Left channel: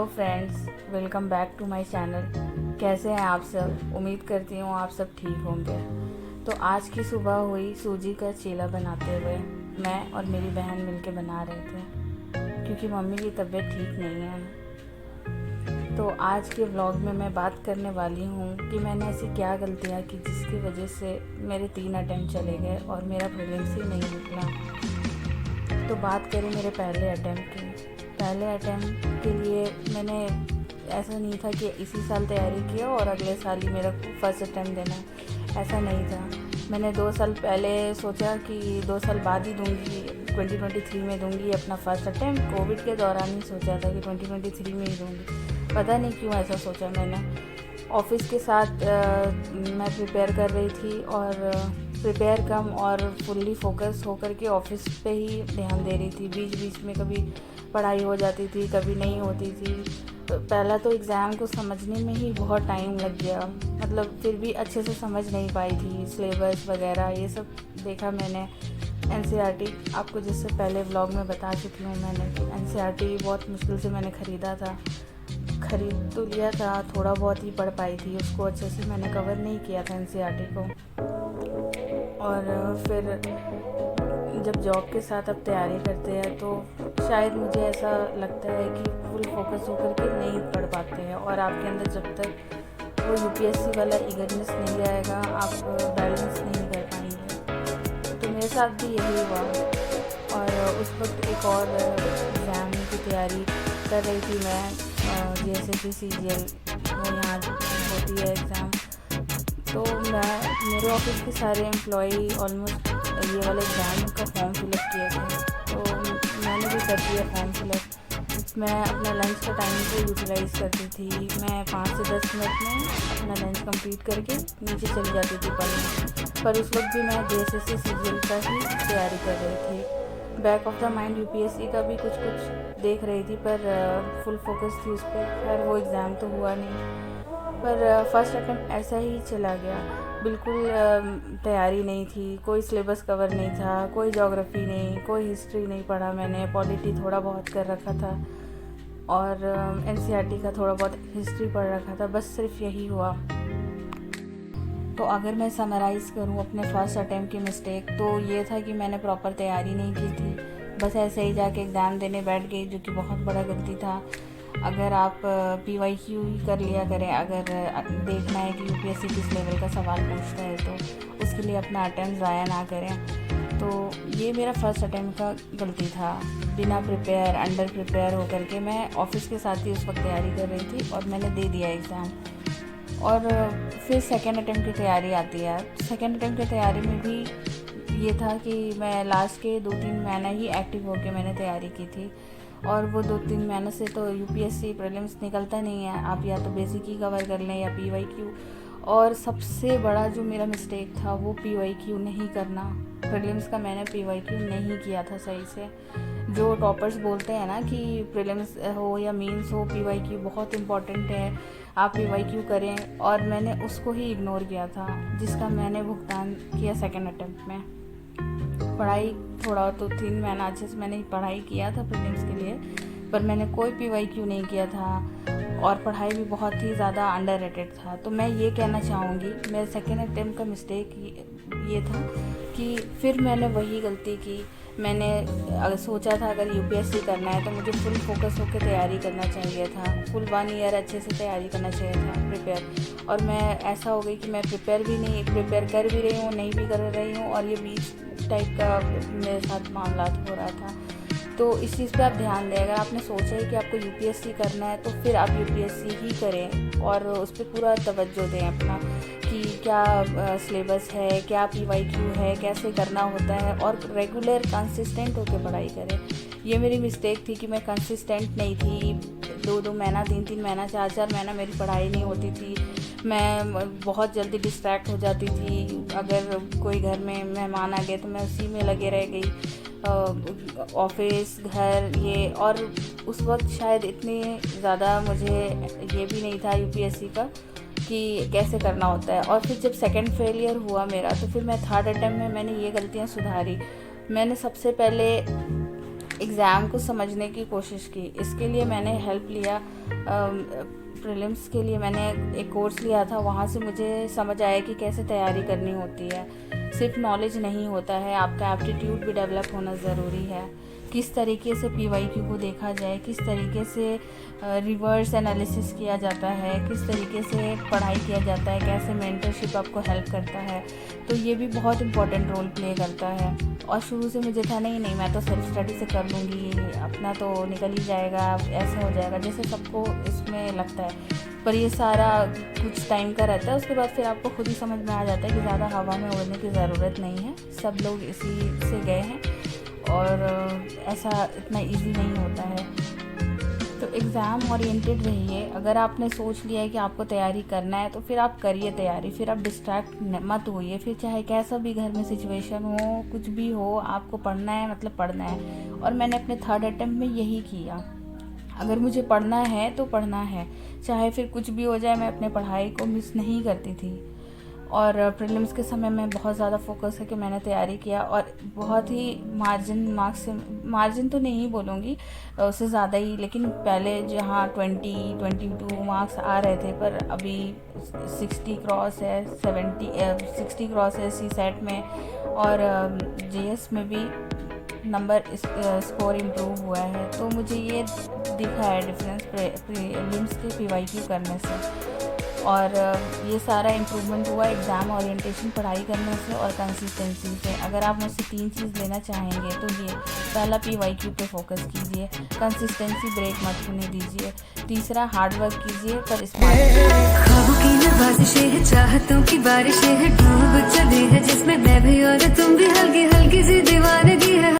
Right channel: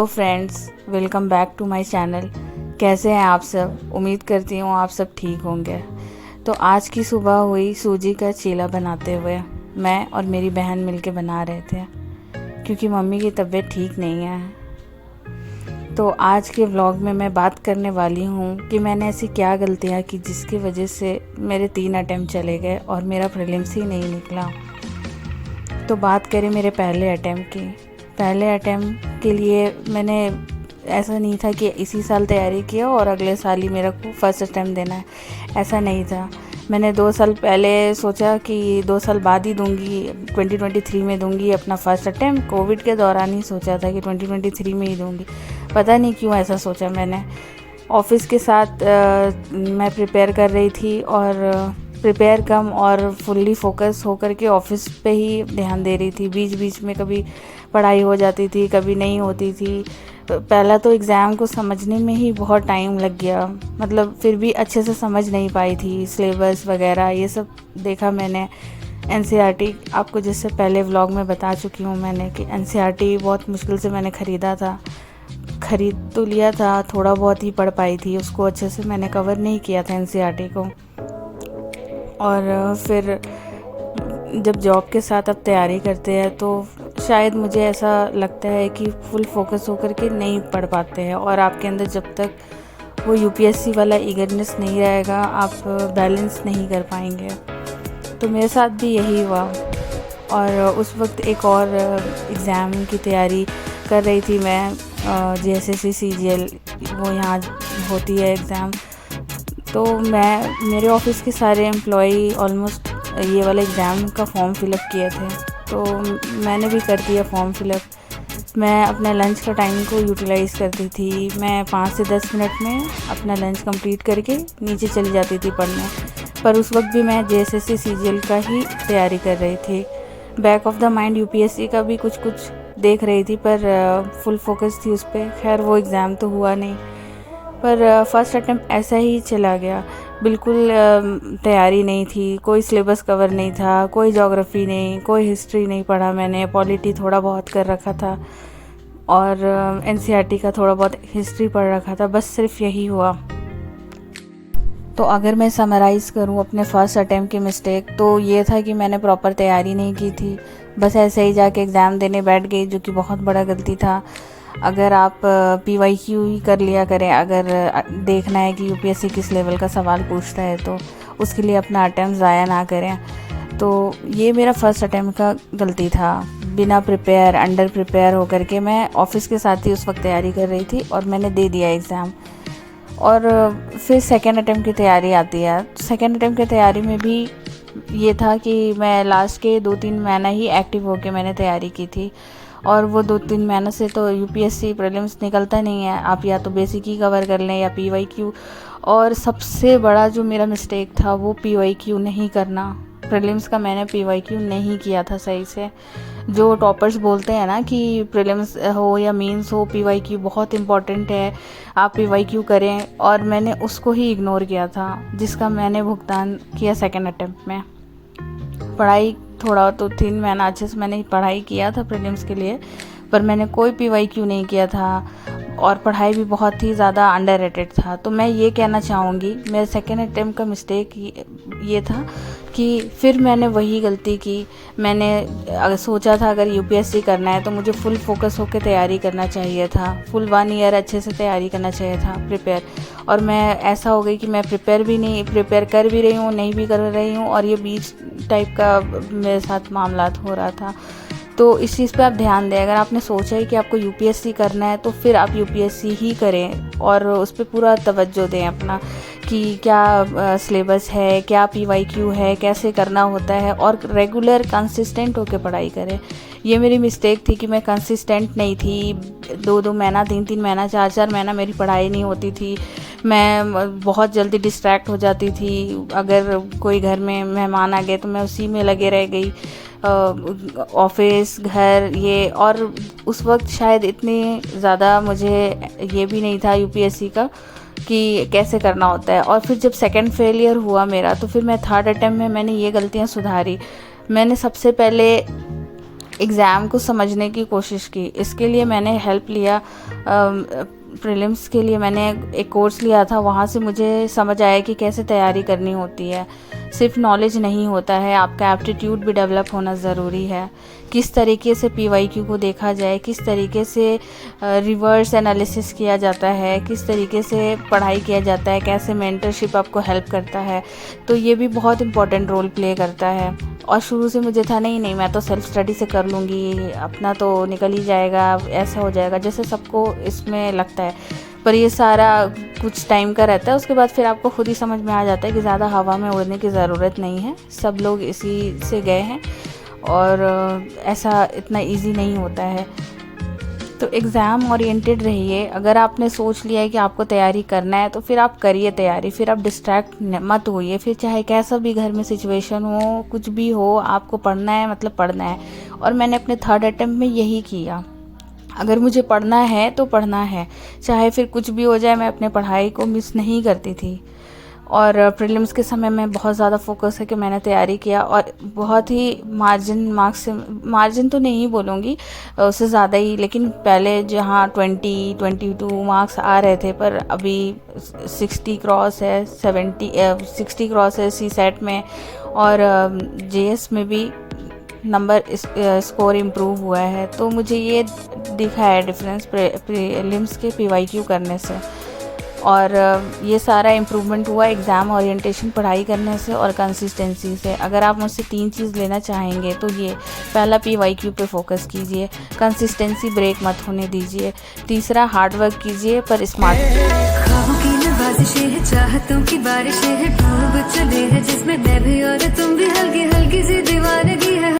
Hello friends, welcome back to my channel. कैसे हैं आप सब? उम्मीद करती हूँ आप सब ठीक होंगे। तो आज की सुबह हुई सूजी का चीला बनाते हुए मैं और मेरी बहन मिलके बना रहे थे, क्योंकि मम्मी की तबीयत ठीक नहीं है। तो आज के व्लॉग में मैं बात करने वाली हूँ कि मैंने ऐसी क्या गलतियाँ की जिसकी वजह से मेरे 3 अटैम्प्ट चले गए और मेरा प्रीलिम्स ही नहीं निकला। तो बात करें मेरे पहले अटैम्प्ट की। पहले अटैम्प्ट के लिए मैंने ऐसा नहीं था कि इसी साल तैयारी किया और अगले साल ही मेरा को फर्स्ट अटैम्प्ट देना है, ऐसा नहीं था। मैंने 2 साल पहले सोचा कि 2 साल बाद ही दूंगी, 2023 में दूंगी अपना फर्स्ट अटैम्प्ट। कोविड के दौरान ही सोचा था कि 2023 में ही दूंगी। पता नहीं क्यों ऐसा सोचा मैंने। ऑफिस के साथ मैं प्रिपेयर कर रही थी और प्रिपेयर कम और फुल्ली फोकस होकर के ऑफिस पे ही ध्यान दे रही थी। बीच बीच में कभी पढ़ाई हो जाती थी, कभी नहीं होती थी। पहला तो एग्ज़ाम को समझने में ही बहुत टाइम लग गया, मतलब फिर भी अच्छे से समझ नहीं पाई थी। सिलेबस वगैरह ये सब देखा मैंने। एनसीईआरटी आपको जिससे पहले व्लॉग में बता चुकी हूँ मैंने कि एनसीईआरटी बहुत मुश्किल से मैंने ख़रीदा था। ख़रीद तो लिया था, थोड़ा बहुत ही पढ़ पाई थी, उसको अच्छे से मैंने कवर नहीं किया था एनसीईआरटी को। और फिर जब जॉब के साथ आप तैयारी करते हैं तो शायद मुझे ऐसा लगता है कि फुल फोकस होकर के नहीं पढ़ पाते हैं, और आपके अंदर जब तक वो यूपीएससी वाला ईगरनेस नहीं रहेगा आप बैलेंस नहीं कर पाएंगे। तो मेरे साथ भी यही हुआ। और उस वक्त एक और एग्ज़ाम की तैयारी कर रही थी मैं, जेएसएससी सीजीएल, वो यहाँ होती है एग्ज़ाम। तो मेरे ऑफिस के सारे एम्प्लॉई ऑलमोस्ट ये वाले एग्ज़ाम का फॉर्म फिलअप किए थे, तो मैंने भी कर दिया फॉर्म फिलअप। मैं अपने लंच का टाइम को यूटिलाइज़ करती थी। मैं 5 से 10 मिनट में अपना लंच कंप्लीट करके नीचे चली जाती थी पढ़ने। पर उस वक्त भी मैं जेएसएससी सीजीएल का ही तैयारी कर रही थी। Back of the mind UPSC का भी कुछ कुछ देख रही थी, पर फुल फोकस थी उस पर। खैर वो एग्ज़ाम तो हुआ नहीं, पर फर्स्ट अटैम्प्ट ऐसा ही चला गया। बिल्कुल तैयारी नहीं थी, कोई सिलेबस कवर नहीं था, कोई ज्योग्राफी नहीं, कोई हिस्ट्री नहीं पढ़ा मैंने। पॉलिटी थोड़ा बहुत कर रखा था और एनसीईआरटी का थोड़ा बहुत हिस्ट्री पढ़ रखा था, बस सिर्फ यही हुआ। तो अगर मैं समराइज़ करूं अपने फर्स्ट अटैम्प्ट की मिस्टेक, तो ये था कि मैंने प्रॉपर तैयारी नहीं की थी, बस ऐसे ही जाके एग्ज़ाम देने बैठ गई, जो कि बहुत बड़ा गलती था। अगर आप पीवाईक्यू ही कर लिया करें, अगर देखना है कि यूपीएससी किस लेवल का सवाल पूछता है, तो उसके लिए अपना अटैम्प्ट ज़ाया ना करें। तो ये मेरा फर्स्ट अटैम्प्ट का गलती था। बिना प्रिपेयर, अंडर प्रिपेयर होकर के मैं ऑफिस के साथ ही उस वक्त तैयारी कर रही थी और मैंने दे दिया एग्ज़ाम। और फिर सेकेंड अटैम्प्ट की तैयारी आती है। सेकेंड अटैम्प्ट की तैयारी में भी ये था कि मैं लास्ट के 2-3 महीना ही एक्टिव होकर मैंने तैयारी की थी, और वो 2-3 महीने से तो यूपीएससी प्रीलिम्स निकलता नहीं है। आप या तो बेसिक ही कवर कर लें या पीवाईक्यू। और सबसे बड़ा जो मेरा मिस्टेक था वो पीवाईक्यू नहीं करना। प्रीलिम्स का मैंने पीवाईक्यू नहीं किया था सही से। जो टॉपर्स बोलते हैं ना कि प्रीलिम्स हो या मेंस हो, पीवाईक्यू बहुत इम्पॉर्टेंट है, आप पीवाईक्यू करें, और मैंने उसको ही इग्नोर किया था, जिसका मैंने भुगतान किया सेकेंड अटैम्प्ट में। पढ़ाई थोड़ा तो 3 महीना अच्छे से मैंने पढ़ाई किया था प्रीलिम्स के लिए, पर मैंने कोई पीवाईक्यू नहीं किया था, और पढ़ाई भी बहुत ही ज़्यादा अंडररेटेड था। तो मैं ये कहना चाहूँगी, मेरे सेकेंड अटैम्प्ट का मिस्टेक ये था कि फिर मैंने वही गलती की। मैंने अगर सोचा था अगर यूपीएससी करना है तो मुझे फुल फोकस होकर तैयारी करना चाहिए था, फुल 1 ईयर अच्छे से तैयारी करना चाहिए था प्रिपेयर। और मैं ऐसा हो गई कि मैं प्रिपेयर कर भी रही हूँ, नहीं भी कर रही हूँ, और ये बीच टाइप का मेरे साथ मामला हो रहा था। तो इस चीज़ पे आप ध्यान दें। अगर आपने सोचा है कि आपको यूपीएससी करना है तो फिर आप यूपीएससी ही करें, और उस पर पूरा तवज्जो दें अपना, कि क्या सिलेबस है, क्या पीवाईक्यू है, कैसे करना होता है, और रेगुलर कंसिस्टेंट होकर पढ़ाई करें। ये मेरी मिस्टेक थी कि मैं कंसिस्टेंट नहीं थी। 2-2 महीना, 3-3 महीना, 4-4 महीना मेरी पढ़ाई नहीं होती थी। मैं बहुत जल्दी डिस्ट्रैक्ट हो जाती थी। अगर कोई घर में मेहमान आ गए तो मैं उसी में लगे रह गई, ऑफिस, घर, ये। और उस वक्त शायद इतनी ज़्यादा मुझे ये भी नहीं था यूपीएससी का कि कैसे करना होता है। और फिर जब सेकंड फेलियर हुआ मेरा, तो फिर मैं थर्ड अटैम्प्ट में मैंने ये गलतियाँ सुधारी। मैंने सबसे पहले एग्ज़ाम को समझने की कोशिश की। इसके लिए मैंने हेल्प लिया, प्रीलिम्स के लिए मैंने एक कोर्स लिया था, वहाँ से मुझे समझ आया कि कैसे तैयारी करनी होती है। सिर्फ नॉलेज नहीं होता है, आपका एप्टीट्यूड भी डेवलप होना ज़रूरी है। किस तरीके से PYQ को देखा जाए, किस तरीके से रिवर्स एनालिसिस किया जाता है, किस तरीके से पढ़ाई किया जाता है, कैसे मेंटरशिप आपको हेल्प करता है, तो ये भी बहुत इम्पोर्टेंट रोल प्ले करता है। और शुरू से मुझे था नहीं मैं तो सेल्फ स्टडी से कर लूँगी, अपना तो निकल ही जाएगा, ऐसा हो जाएगा, जैसे सबको इसमें लगता है। पर ये सारा कुछ टाइम का रहता है, उसके बाद फिर आपको खुद ही समझ में आ जाता है कि ज़्यादा हवा में उड़ने की ज़रूरत नहीं है, सब लोग इसी से गए हैं और ऐसा इतना इजी नहीं होता है। तो एग्ज़ाम ओरिएंटेड रहिए। अगर आपने सोच लिया है कि आपको तैयारी करना है तो फिर आप करिए तैयारी, फिर आप डिस्ट्रैक्ट मत होइए। फिर चाहे कैसा भी घर में सिचुएशन हो, कुछ भी हो, आपको पढ़ना है मतलब पढ़ना है। और मैंने अपने 3rd अटेम्प्ट में यही किया, अगर मुझे पढ़ना है तो पढ़ना है, चाहे फिर कुछ भी हो जाए, मैं अपने पढ़ाई को मिस नहीं करती थी। और प्रीलिम्स के समय में बहुत ज़्यादा फोकस है कि मैंने तैयारी किया और बहुत ही मार्जिन तो नहीं बोलूँगी, उससे ज़्यादा ही, लेकिन पहले जहाँ 22 मार्क्स आ रहे थे, पर अभी 60 क्रॉस है, 60 क्रॉस है CSET में, और JS में भी नंबर स्कोर इम्प्रूव हुआ है। तो मुझे ये दिखा है डिफरेंस प्रीलिम्स के PYQ करने से। और ये सारा इम्प्रूवमेंट हुआ एग्ज़ाम ओरिएंटेशन पढ़ाई करने से और कंसिस्टेंसी से। अगर आप मुझसे 3 चीज़ लेना चाहेंगे तो ये, पहला PYQ पे फोकस कीजिए, कंसिस्टेंसी ब्रेक मत होने दीजिए, तीसरा हार्ड वर्क कीजिए पर स्मार्ट। ख्वाबों की नवाज़िशें हैं, चाहतों की बारिशें हैं, डूब चले हैं जिसमें मैं भी और तुम भी हल्के